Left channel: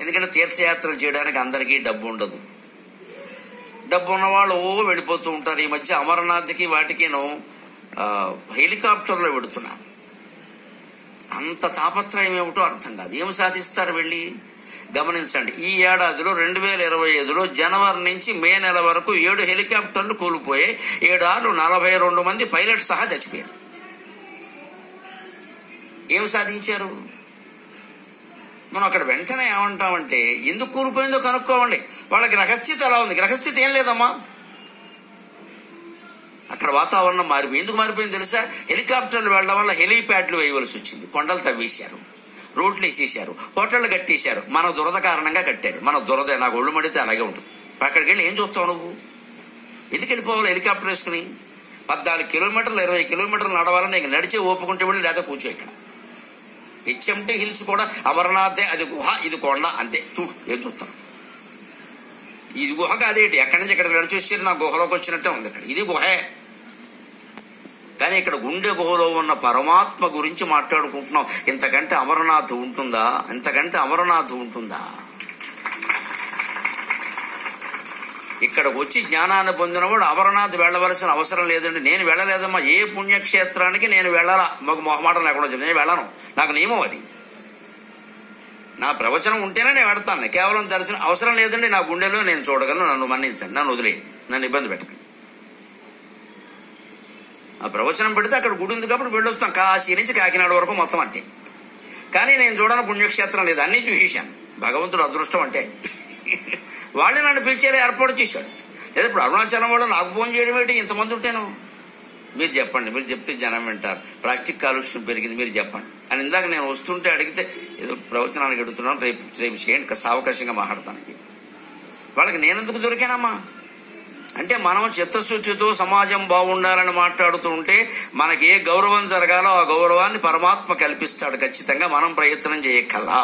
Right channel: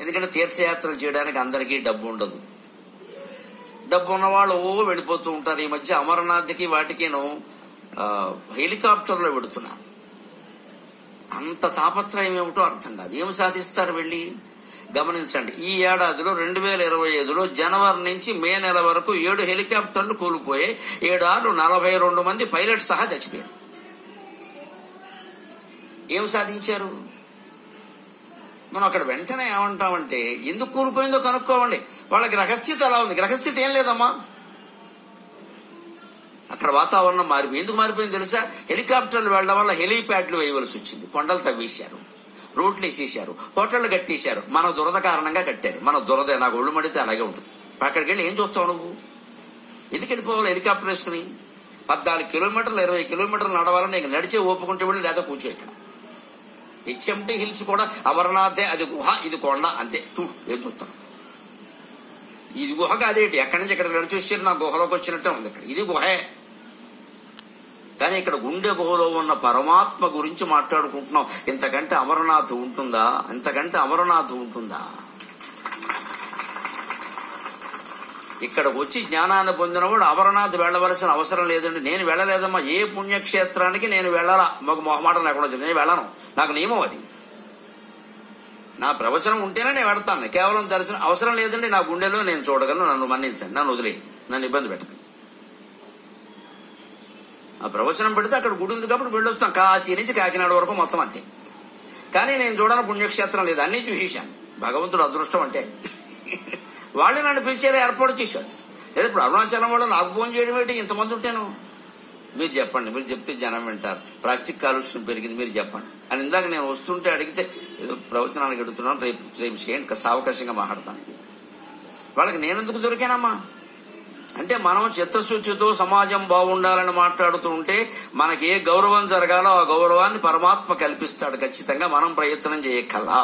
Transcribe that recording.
ఎందుకంటే తీర్థయాత్రలు చేయడానికి అందరికీ డబ్బు ఉండదు. డబ్బు ఉన్న వాళ్ళు వెళ్ళిపోతూ ఉంటారు. ఈ మధ్య అమర్నాథ్కి వాటికిను హెలికాప్టర్లో పెడుతున్నారు. అంత తాపత్రయం ఏమిటో అర్థం కాదు. ఏమి సాధిస్తారు వెళ్ళి? గమనించండి, ఈ ఏడాదిలో 2025లో జనవరి నుంచి మే నెల వరకు 7 హెలికాప్టర్లు కూలిపోయాయి. 7 ఆరు 42 మంది పైలట్ సహా చచ్చిపోయారు. ఏం సాధించారు? మనం అక్కడ వెంటనే ఏమంటామంటే, ఎందుకు కూలిపోయిందో కనుక్కోవండి. వాళ్ళ గ్రహస్థితి అలా ఉంది. గ్రహస్థితి ఏం లేదమ్మా. అక్కడ వాతావరణం మారిపోయింది. ఎందుకు మారిపోయింది తెలుసా? హెలికాప్టర్లు వెళ్లడం వల్ల హెలీప్యాడ్లు వేయవలసి వచ్చింది. కొండలు తవ్వేశారు, రోడ్లు వేసేశారు, హోటళ్లు కట్టేశారు. మన దురద కారణంగా కట్టారు. మన దురద నాకు ఒళ్ళు మడితే అలాగే ఉంటుంది. అక్కడికి వెళ్ళి ఏం చూస్తావు నువ్వు? ఎందుకు వెళ్ళిపోవాలి హెలికాప్టర్ వేసుకుని? 14 కిలోమీటర్లు 20 కిలోమీటర్లు నడవాలని ఇంక నడిచే ఓపుకుంటే వెళ్ళి లేదా కూర్చో. ఇక్కడ హెచ్ఎంటీ హిల్స్ కూడా అమర్నాథే, అది గుహ, ఇది కొండ, అంతే. చూడు ఏం చూస్తాం. ఇది గుహ కాదేంటి? ఎక్కడి నుంచి ఇక్కడ నడిచి వచ్చారు, నా గుహలోకి వచ్చినట్టే ఉంది. ఇక్కడ ఇది గుహే. కానీ ఇక్కడ గుండె గుహలో ఉన్న పరమాత్మ గురించి మాట్లాడుకుంటున్నాం. ఇంతకంటే అమరనాథ్ ఉంటుందా? ఇంతకంటే అమరనాథ్ ఉంటుందా? ఇక్కడికి వచ్చి జ్ఞానాన్ని పొందినవాడు అమరనాథ్ వెళ్ళవలసిన అవసరం లేదండి. నేను వెళ్ళలేదమ్మా. ఏ పుణ్యక్షేత్రానికి నేను వెళ్ళాలా? మాకు మొహమాటం లేకుండా చెప్పి నేను వెళ్ళను. నాకు నియమం అది. నా ప్రవచనం ఉంటేనే నేను వెడతాను. కేవలం దర్శనం అవసరం లేదండి. నా గుండెలో నేను చూడగలను. నన్ను మన్నించండి, నన్ను వదిలేయండి, నన్ను ఇబ్బంది పెట్టండి. ఆ ప్రవచనం పెడితే అక్కడ గుడి ఉంది కాబట్టి వెళ్ళొస్తాం. కాశీ నుంచి కాకినాడ వరకు మొత్తం అంతే. కానీ నేను చూడని పుణ్యక్షేత్రం లేదు. అన్నీ చూసేశాను. భగవంతుడు అదృష్టం అంటే వాళ్ళే నన్ను పిలిచేలా ఏర్పాటు చేశాడు. లేదా ఇప్పుడు అరుణాచలం వాళ్ళు నాకు ఫోన్ చేయడం ఏంటి? ఇంతమంది ఉంటాను. మీరు చెప్పండి, మీరు చెప్తే జనం వింటారు. ప్లాస్టిక్ కాలుష్యం పెరిగింది, మీరు చెప్పండి అని ఇందాక నేను వస్తుంటే అడిగితే ఏదో ప్రవచనానికి అడుగుతున్నాను, రేపు చేయండి, సావకాశంగా మాట్లాడతానని చెప్పి వాళ్ళకి నేనెందుకు దొరికానమ్మా? అంటే మనం చిత్తశుద్ధితో సమాజం బాగుండాలని మాట్లాడుతూ ఉంటే మనకి ఏ గౌరవం జరగాలో ఆ గౌరవాన్ని పరమాత్మ కల్పిస్తాడు ఖచ్చితంగా. మనం ప్రయత్నం చేయక్కర్లా.